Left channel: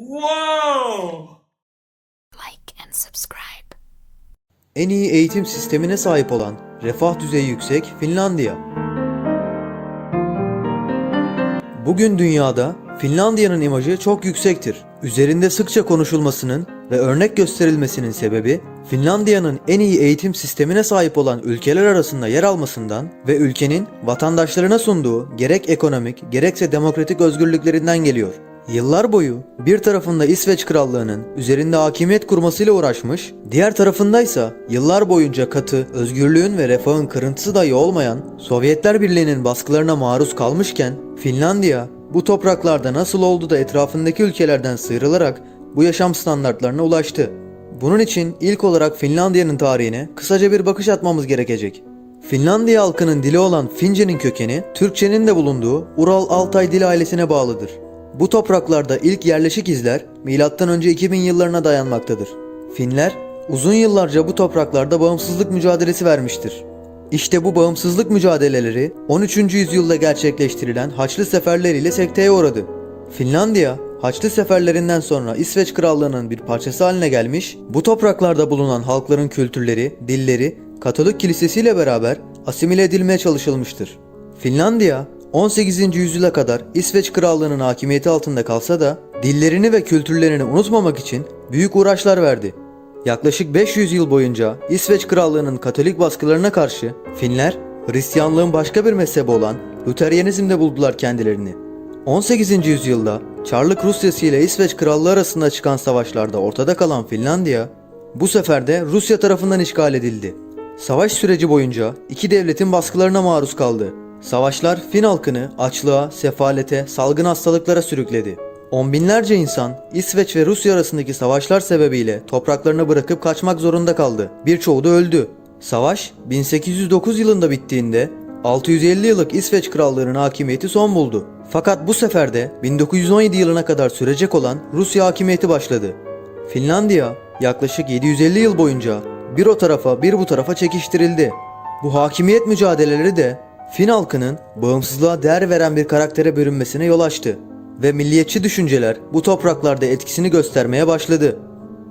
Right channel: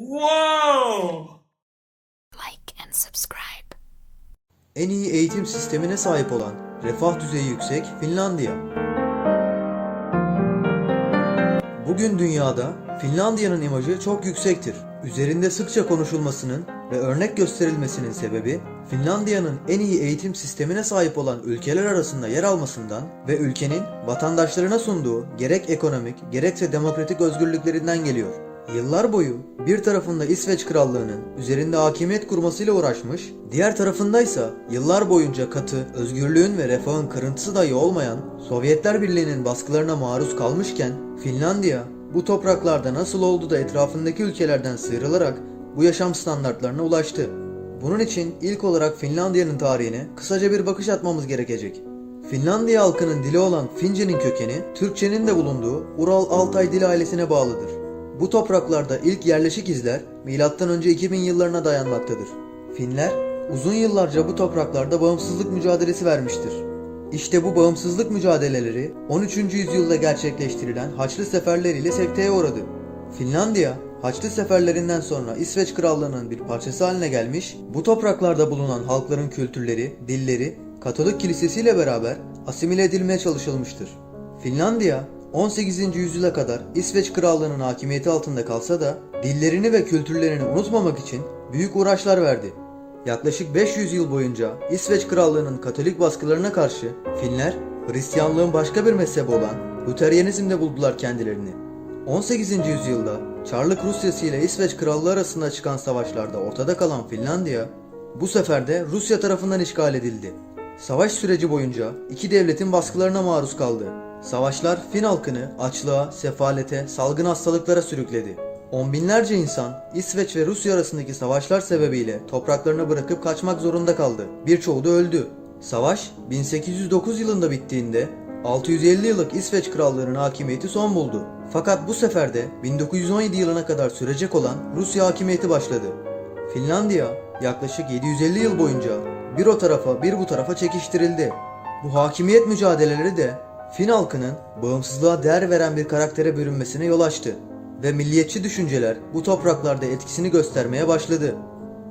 Wow! like and subscribe. En iyi eğitim sistemine sahip olan, refah düzeyi yüksek Finlandiya. Bugün dünyada Finlandiya'nın imajı çok yüksektir. Üzerinde sıkça konuşulmasının ve örnek gösterilmesinin sebebi Finlandiya'nın en iyi eğitim sistemine sahip olan ülkeler arasında yer almasından ve ülkenin vatandaşlarına sunduğu gerek ekonomik gerekse demokratik özgürlüklerinden geliyor. Yıllar boyu bir tarafında İsveç Krallığı'nın üzerinde hakimiyet kurmasıyla uğraşmış, diğer tarafındaysa yıllar boyunca katı, özgürlüğün ve refahın kırıntısı dahi olmayan Sovyetler Birliği'nin baskılarına maruz kalmışken Finlandiya bu topraklarda nasıl oldu da etrafındaki ülkelerden sıyrılarak bu yaşam standartlarına ulaştı. Bunun için ilk olarak Finlandiya'nın tarihine kısaca bir bakış atmamız gerekecek. Finlandiya halkının dili olan Fince'nin kökeni Türkçenin de bulunduğu Ural-Altay dil ailesine bağlıdır. Bu topraklarda ilk yerleşik izler M.Ö. 2000 yıllarına dayanmaktadır. Finler uzun yıllarca bu topraklarda bağımsızlık mücadelesi vermiştir. İşte bu bağımsızlık mücadeleleri 13. yüzyılda gerçekleştirilen Haçlı seferleriyle sekteye uğradı. Finlandiya, Haçlı seferlerinden sonra İsveç Krallığı'nın bir parçası haline gelmiş, bu topraklarda bulunan halkların kültürleri, dilleri, Katolik kilisesiyle beraber asimile edilmeye çalışılmıştır. Finlandiya, 18. yüzyıla kadar İsveç Krallığı'nın hakimiyeti altında kalsa da dillerini ve kültürlerini unutmamak için büyük uğraşlar verdi. Yaklaşık 500 yıl boyunca İsveç Krallığı'nın Katolik baskılarına karşı Finler, Hristiyanlığın başka bir mezhebi olan Luteryanizmde buldular kendilerini. 18. yüzyılda Çarlık Rusyası ile İsveç Krallığı arasında çıkan savaşlarda ortada kalan Finlandiya, bu sefer de Rusya tarafından işgal edildi. Savaş süreci boyunca iki devletin baskılarına maruz kaldı. Savaşlar Fin halkını açlığa, sefalete, salgın hastalıklara sürükledi. On binlerce insan İsveç ve Rusya arasındaki savaşlar sebebiyle topraklarını bırakıp kaçmak zorunda kaldı. Birçoğu da öldü. Savaş 1809 yılında bittiğinde 650 yıllık İsveç Krallığı'nın hakimiyeti son buldu. Fakat bu sefer de 1917 yılına kadar sürecek olan Rusya hakimiyeti başladı. Finlandiya yaklaşık 750 yıl boyunca bir o tarafa bir bu tarafa çekiştirildi. Bu hakimiyet mücadeleleri de Fin halkının bağımsızlığa değer veren bir karaktere bürünmesine yol açtı ve milliyetçi düşünceler bu topraklarda etkisini göstermeye başladı.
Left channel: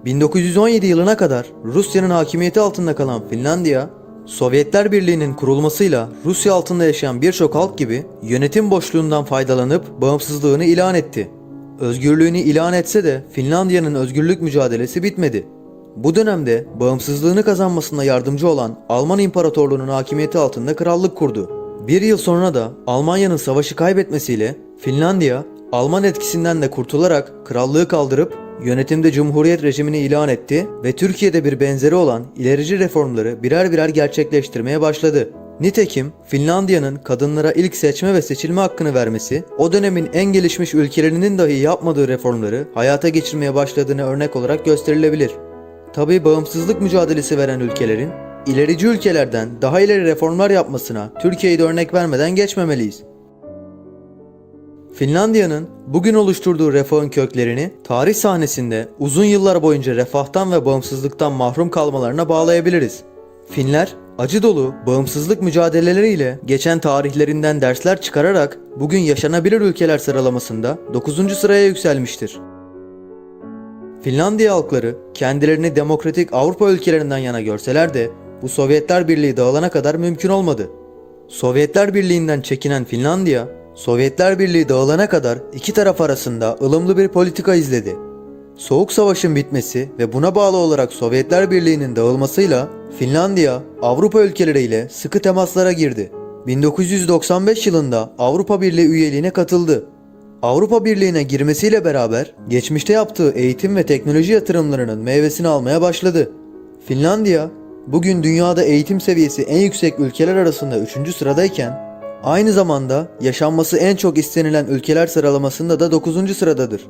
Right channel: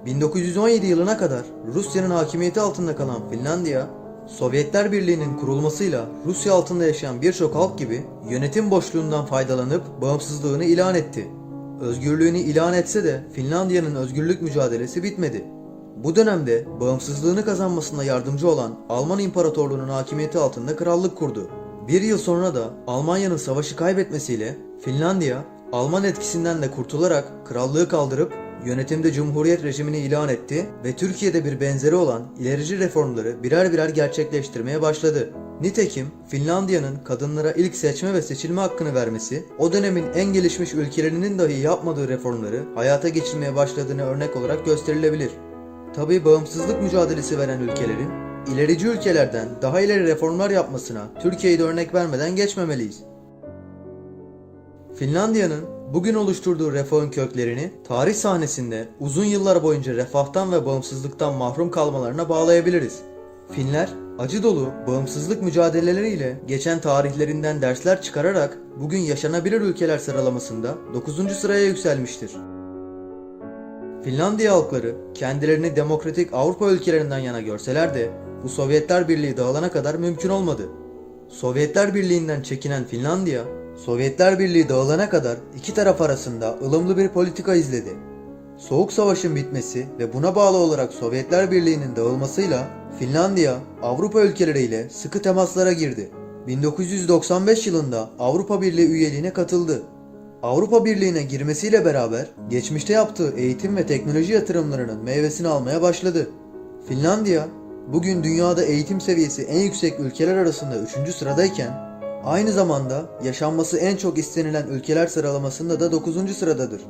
1917 yılına kadar Rusya'nın hakimiyeti altında kalan Finlandiya, Sovyetler Birliği'nin kurulmasıyla Rusya altında yaşayan birçok halk gibi yönetim boşluğundan faydalanıp bağımsızlığını ilan etti. Özgürlüğünü ilan etse de Finlandiya'nın özgürlük mücadelesi bitmedi. Bu dönemde bağımsızlığını kazanmasına yardımcı olan Alman İmparatorluğu'nun hakimiyeti altında krallık kurdu. Bir yıl sonra da Almanya'nın savaşı kaybetmesiyle Finlandiya, Alman etkisinden de kurtularak krallığı kaldırıp yönetimde cumhuriyet rejimini ilan etti ve Türkiye'de bir benzeri olan ilerici reformları birer birer gerçekleştirmeye başladı. Nitekim Finlandiya'nın kadınlara ilk seçme ve seçilme hakkını vermesi, o dönemin en gelişmiş ülkelerinin dahi yapmadığı reformları hayata geçirmeye başladığını örnek olarak gösterilebilir. Tabi bağımsızlık mücadelesi veren ülkelerin ilerici ülkelerden daha ileri reformlar yapmasına Türkiye'yi de örnek vermeden geçmemeliyiz. Finlandiya'nın bugün oluşturduğu refahın köklerini tarih sahnesinde uzun yıllar boyunca refahtan ve bağımsızlıktan mahrum kalmalarına bağlayabiliriz. Finler acı dolu bağımsızlık mücadeleleriyle geçen tarihlerinden dersler çıkararak bugün yaşanabilir ülkeler sıralamasında 9. sıraya yükselmiştir. Finlandiya halkları kendilerini demokratik Avrupa ülkelerinden yana görseler de bu Sovyetler Birliği dağılana kadar mümkün olmadı. Sovyetler Birliği'nden çekinen Finlandiya, Sovyetler Birliği dağılana kadar iki taraf arasında ılımlı bir politika izledi. Soğuk Savaş'ın bitmesi ve buna bağlı olarak Sovyetler Birliği'nin dağılmasıyla Finlandiya Avrupa ülkeleriyle sıkı temaslara girdi. 1995 yılında Avrupa Birliği üyeliğine katıldı. Avrupa Birliği'ne girmesiyle beraber geçmişte yaptığı eğitim ve teknoloji yatırımlarının meyvesini almaya başladı. Finlandiya bugün dünyada eğitim seviyesi en yüksek ülkeler arasında 3. sıradayken aynı zamanda yaşanması en çok istenilen ülkeler sıralamasında da 9. sıradadır.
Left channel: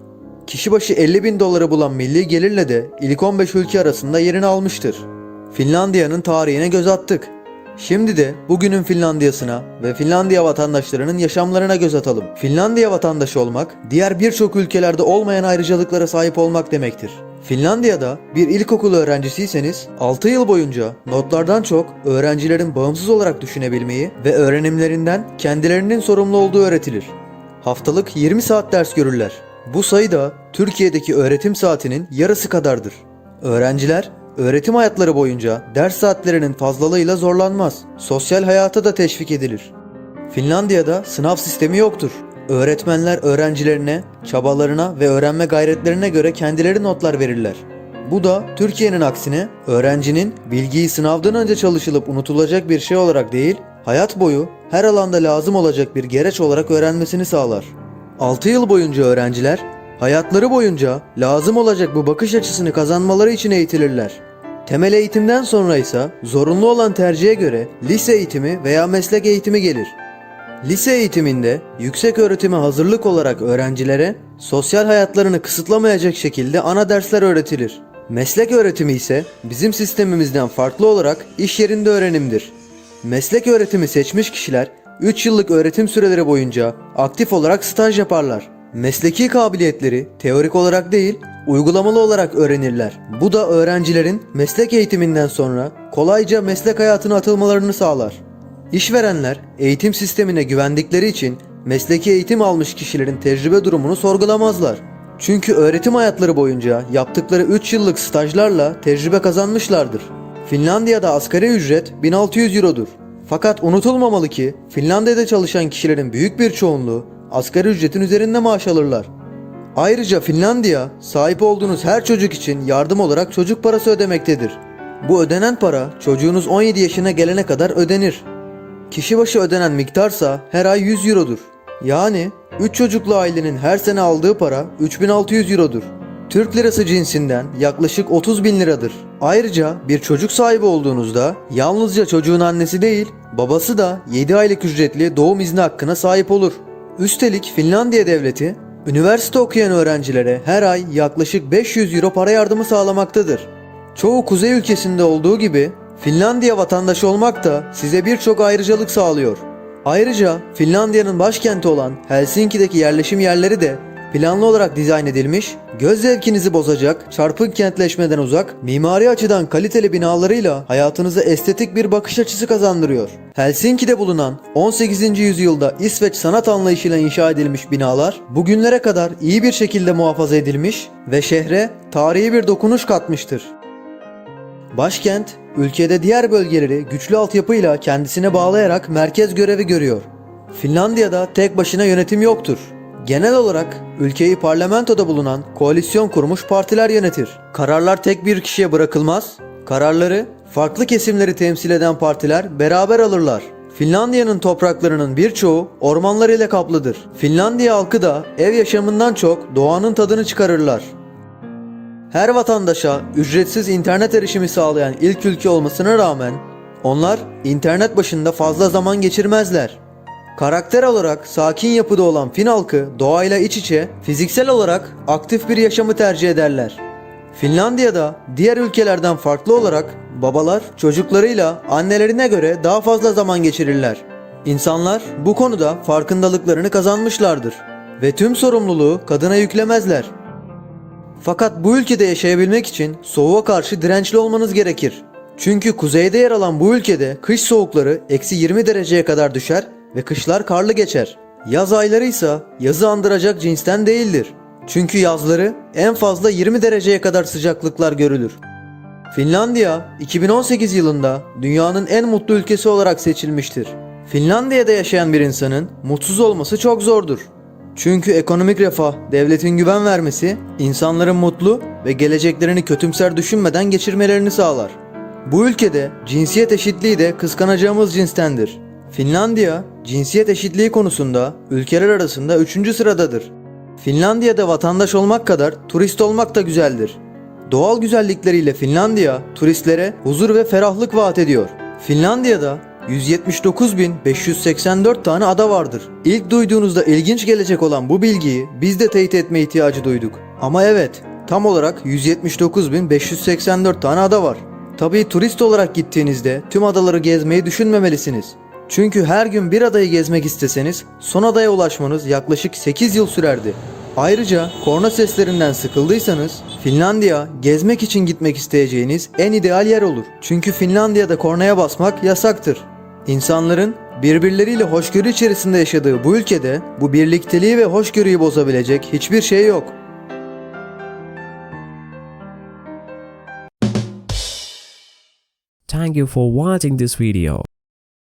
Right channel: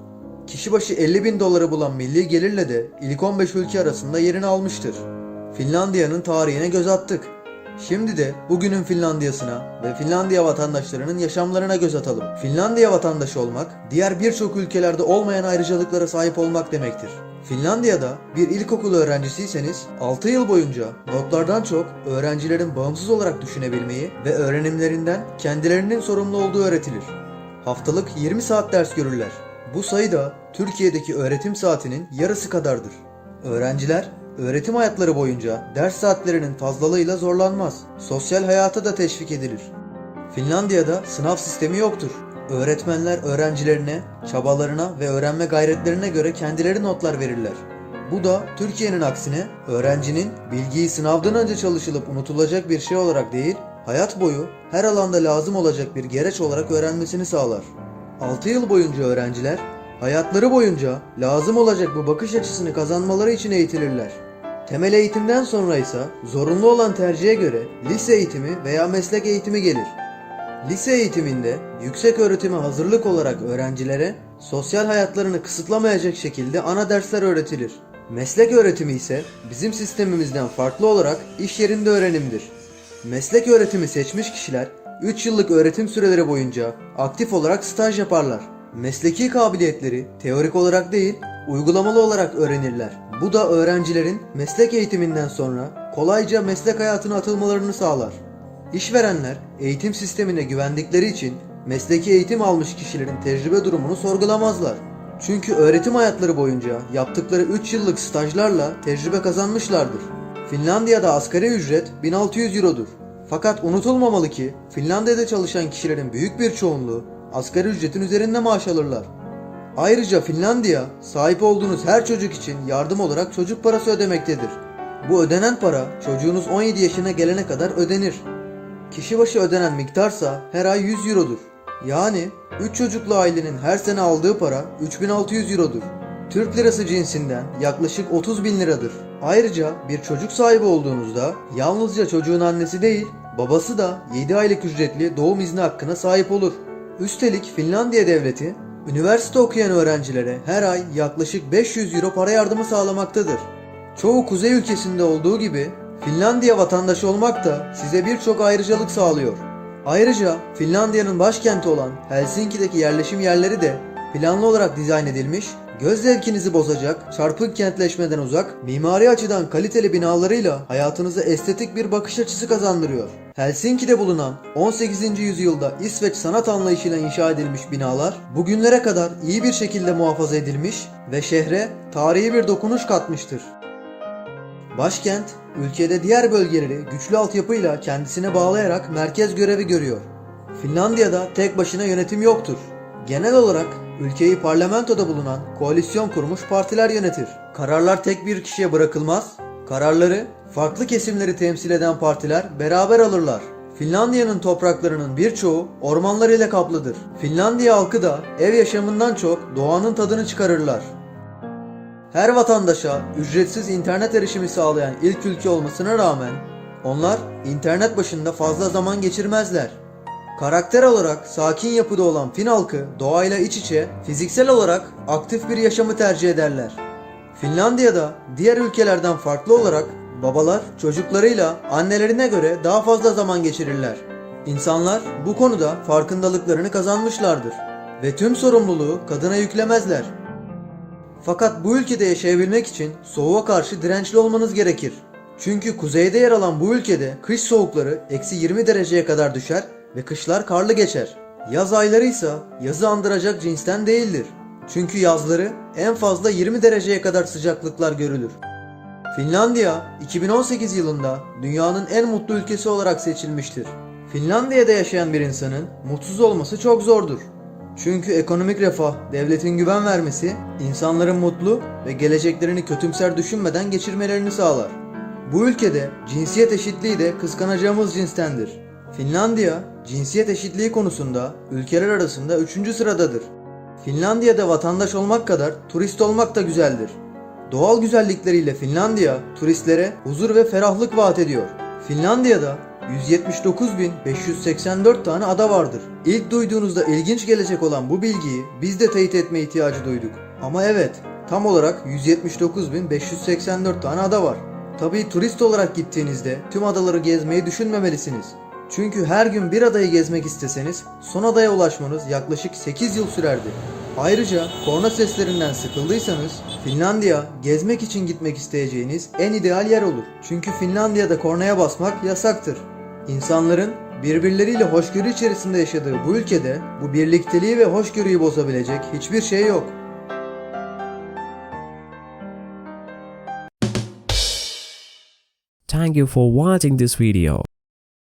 Kişi başı 50 bin doları bulan milli gelirle de ilk 15 ülke arasında yerini almıştır. Finlandiya'nın tarihine göz attık. Şimdi de bugünün Finlandiya'sına ve Finlandiya vatandaşlarının yaşamlarına göz atalım. Finlandiya vatandaşı olmak, diğer birçok ülkelerde olmayan ayrıcalıklara sahip olmak demektir. Finlandiya'da bir ilkokul öğrencisiyseniz 6 yıl boyunca notlardan çok öğrencilerin bağımsız olarak düşünebilmeyi ve öğrenimlerinden kendilerinin sorumlu olduğu öğretilir. Haftalık 20 saat ders görürler. Bu sayı da Türkiye'deki öğretim saatinin yarısı kadardır. Öğrenciler öğretim hayatları boyunca ders saatlerinin fazlalığıyla zorlanmaz. Sosyal hayata da teşvik edilir. Finlandiya'da sınav sistemi yoktur. Öğretmenler öğrencilerine, çabalarına ve öğrenme gayretlerine göre kendileri notlar verirler. Bu da Türkiye'nin aksine öğrencinin bilgiyi sınavdan önce çalışılıp unutulacak bir şey olarak değil, hayat boyu her alanda lazım olacak bir gereç olarak öğrenmesini sağlar. 6 yıl boyunca öğrenciler hayatları boyunca lazım olacak bu bakış açısını kazanmaları için eğitilirler. Temel eğitimden sonra ise zorunlu olan tercihe göre lise eğitimi veya meslek eğitimi gelir. Lise eğitiminde yüksek öğretime hazırlık olarak öğrencilere sosyal hayatlarını kısıtlamayacak şekilde ana dersler öğretilir. Meslek öğretimi ise bizim sistemimizden farklı olarak iş yerinde öğrenimdir. Meslek öğretimi seçmiş kişiler 3 yıllık öğretim süreleri boyunca aktif olarak staj yaparlar. Mesleki kabiliyetleri teorik olarak değil, uygulamalı olarak öğrenirler. Bu da öğrencilerin meslek eğitiminden sonra kolayca meslek hayatına atılmalarını sağlar. İşverenler eğitim sistemine güvendikleri için mesleki eğitim almış kişilerin tecrübe durumunu sorgulamazlar. Çünkü öğretim hayatları boyunca yaptıkları 3 yıllık stajlarla tecrübe kazanmışlardır. Finlandiya'da asgari ücret 1600 Euro'dur. Fakat unutulmamalı ki Finlandiya'da çalışan kişilerin büyük bir çoğunluğu asgari ücretin üzerinde maaş alırlar. Ayrıca Finlandiya sahip olduğunuz her çocuk için yardım olarak çocuk parası ödemektedir. Bu ödenen para çocuğunuz 17 yaşına gelene kadar ödenir. Kişi başı ödenen miktarsa her ay 100 Euro'dur. Yani 3 çocuklu ailenin her sene aldığı para 3600 Euro'dur. Türk lirası cinsinden yaklaşık 30 bin liradır. Ayrıca bir çocuk sahibi olduğunuzda yalnızca çocuğun annesi değil, babası da 7 aylık ücretli doğum izni hakkına sahip olur. Üstelik Finlandiya devleti üniversite okuyan öğrencilere her ay yaklaşık 500 euro para yardımı sağlamaktadır. Çoğu kuzey ülkesinde olduğu gibi Finlandiya vatandaşı olmak da size birçok ayrıcalık sağlıyor. Ayrıca Finlandiya'nın başkenti olan Helsinki'deki yerleşim yerleri de planlı olarak dizayn edilmiş, göz zevkinizi bozacak, çarpık kentleşmeden uzak, mimari açıdan kaliteli binalarıyla hayatınıza estetik bir bakış açısı kazandırıyor. Helsinki'de bulunan 18. yüzyılda İsveç sanat anlayışıyla inşa edilmiş binalar bugünlere kadar iyi bir şekilde muhafaza edilmiş ve şehre tarihi bir dokunuş katmıştır. Başkent, ülkede diğer bölgeleri güçlü altyapıyla kendisine bağlayarak merkez görevi görüyor. Finlandiya'da tek başına yönetim yoktur. Genel olarak ülkeyi parlamentoda bulunan koalisyon kurmuş partiler yönetir. Kararlar tek bir kişiye bırakılmaz. Kararları farklı kesimleri temsil eden partiler beraber alırlar. Finlandiya'nın topraklarının birçoğu ormanlar ile kaplıdır. Finlandiya halkı da ev yaşamından çok doğanın tadını çıkarırlar. Her vatandaşa ücretsiz internet erişimi sağlayan ilk ülke olmasına rağmen onlar internet başında fazla zaman geçirmezler. Karakter olarak sakin yapıda olan Fin halkı doğayla iç içe, fiziksel olarak aktif bir yaşamı tercih ederler. Finlandiya'da diğer ülkelerden farklı olarak babalar çocuklarıyla annelerine göre daha fazla zaman geçirirler. İnsanlar bu konuda farkındalıklarını kazanmışlardır ve tüm sorumluluğu kadına yüklemezler. Fakat bu ülkede yaşayabilmek için soğuğa karşı dirençli olmanız gerekir. Çünkü kuzeyde yer alan bu ülkede kış soğukları eksi 20 dereceye kadar düşer ve kışlar karlı geçer. Yaz ayları ise yazı andıracak cinsten değildir. Çünkü yazları en fazla 20 dereceye kadar sıcaklıklar görülür. Finlandiya 2018 yılında dünyanın en mutlu ülkesi olarak seçilmiştir. Finlandiya'da yaşayan bir insanın mutsuz olması çok zordur. Çünkü ekonomik refah, devletin güven vermesi, insanların mutlu ve geleceklerini kötümser düşünmeden geçirmelerini sağlar. Bu ülkede cinsiyet eşitliği de kıskanacağımız cinstendir. Finlandiya, cinsiyet eşitliği konusunda ülkeler arasında 3. sıradadır. Finlandiya'da vatandaş olmak kadar turist olmak da güzeldir. Doğal güzellikleriyle Finlandiya turistlere huzur ve ferahlık vaat ediyor. Finlandiya'da 179.584 tane ada vardır. İlk duyduğunuzda ilginç gelecek olan bu bilgiyi biz de teyit etme ihtiyacı duyduk. Ama evet, tam olarak 179.584 tane ada var. Tabii turist olarak gittiğinizde tüm adaları gezmeyi düşünmemelisiniz. Çünkü her gün bir adayı gezmek isteseniz son adaya ulaşmanız yaklaşık 8 yıl sürerdi. Ayrıca korna seslerinden sıkıldıysanız Finlandiya gezmek için gitmek isteyeceğiniz en ideal yer olur. Çünkü Finlandiya'da kornaya basmak yasaktır. İnsanların Birbirleriyle hoşgörü içerisinde yaşadığı bu ülkede bu birlikteliği ve hoşgörüyü bozabilecek hiçbir şey yok. Thank you for watching this video.